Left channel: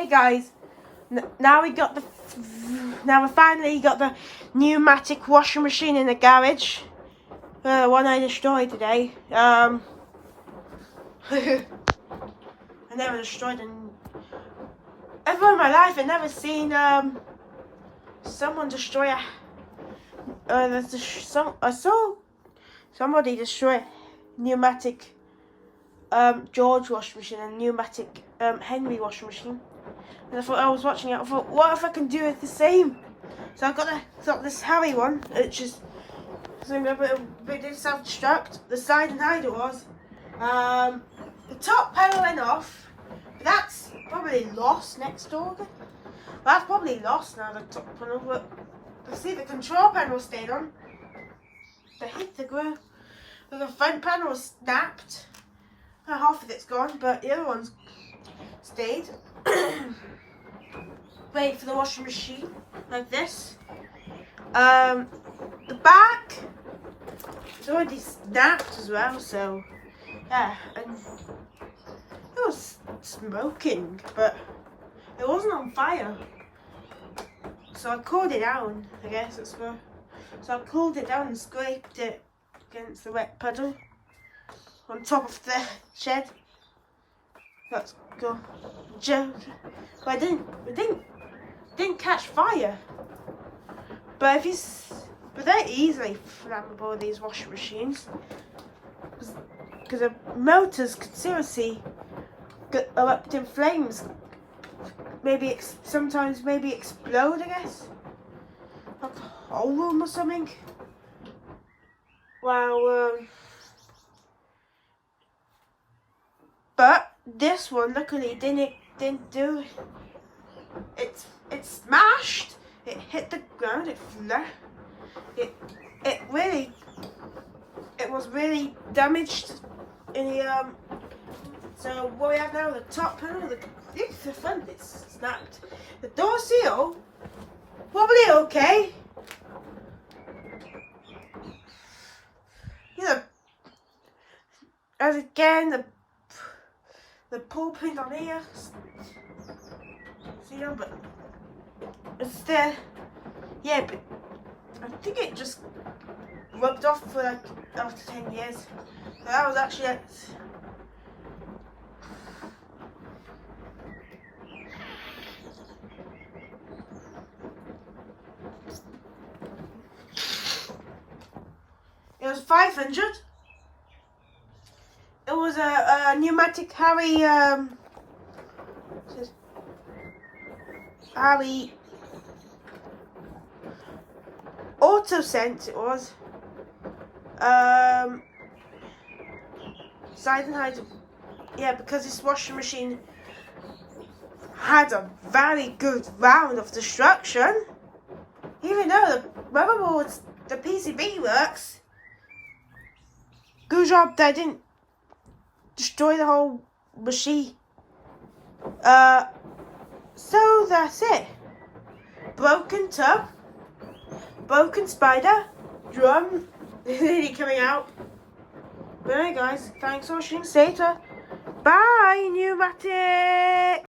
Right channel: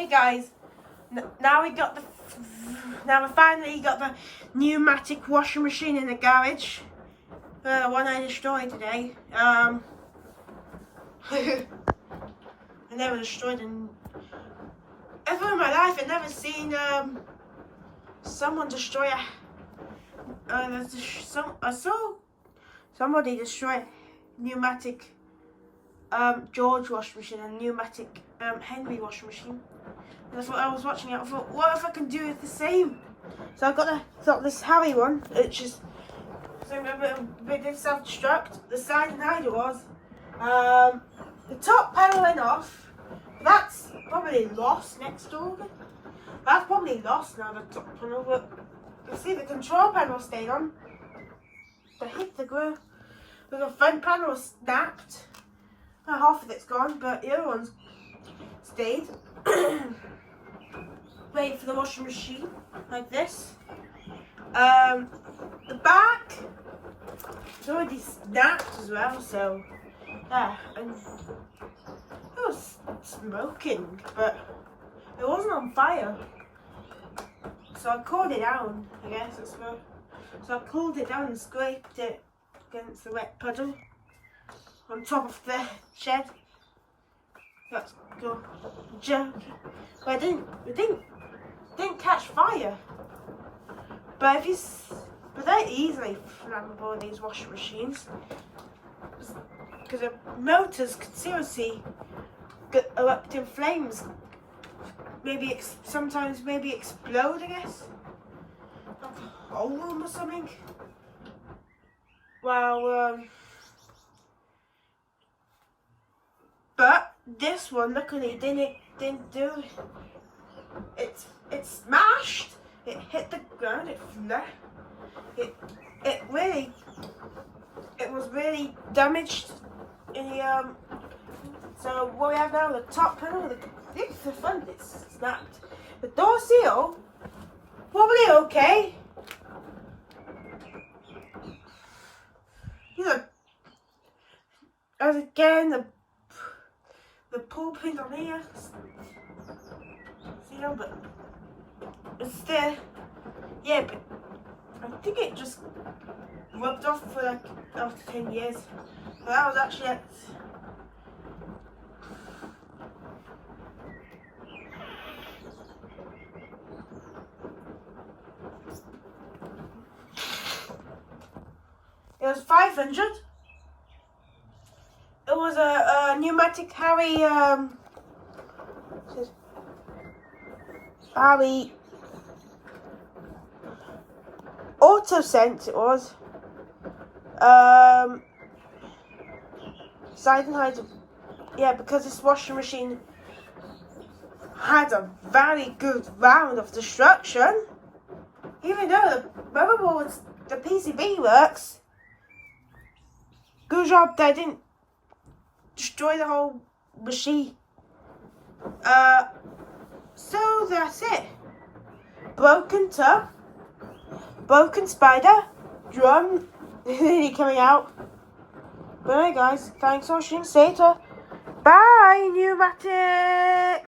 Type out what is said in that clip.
Hey guys, now we finally got the Numatic washing machine in the garage. One I destroyed today. I never destroyed ever in my life. I've never seen someone destroy I saw somebody destroy a pneumatic George washing machine and pneumatic Henry washing machine. And I was watching it, I thought, what if I can do it the same? So I got this Harry one, which is a bit self-destruct. The slide and hider was. The top panel went off. That's probably lost next door. That's probably lost now, the top panel, but you see the control panel stayed on. The hit the ground. The front panel snapped. Half of it's gone, but the other one's stayed. Wait for the washing machine, like this. The back is already snapped as well, so yeah. And it was smoking, but it wasn't on fire. So I cooled it down, I guess that's where. So I cooled it down and scraped it against the wet puddle on top of the shed. Let's go. But it didn't catch fire. But they're easily flammable, these washing machines, because the motors could seriously erupt in flames. Maybe sometimes explode, I guess, like a whole room or something. Wow. But this one, luckily, didn't do it. It smashed. It hit the ground. It was really damaged in the So what we have now, the top panel, the front, it's snapped. The door seal, probably okay. You know, as again the pull pin on here, you know, but it's there. Yeah, but I think it just rubbed off for like after 10 years. So that was actually it. It was 500. It was a pneumatic Harry auto sense. It was side and hider. Yeah, because this washing machine had a very good round of destruction. Even though the motherboard, the PCB works. Good job they didn't destroy the whole machine. So that's it. Broken tub, broken spider, drum really coming out. But anyway guys, thanks for watching. See you later. Bye, Numatic.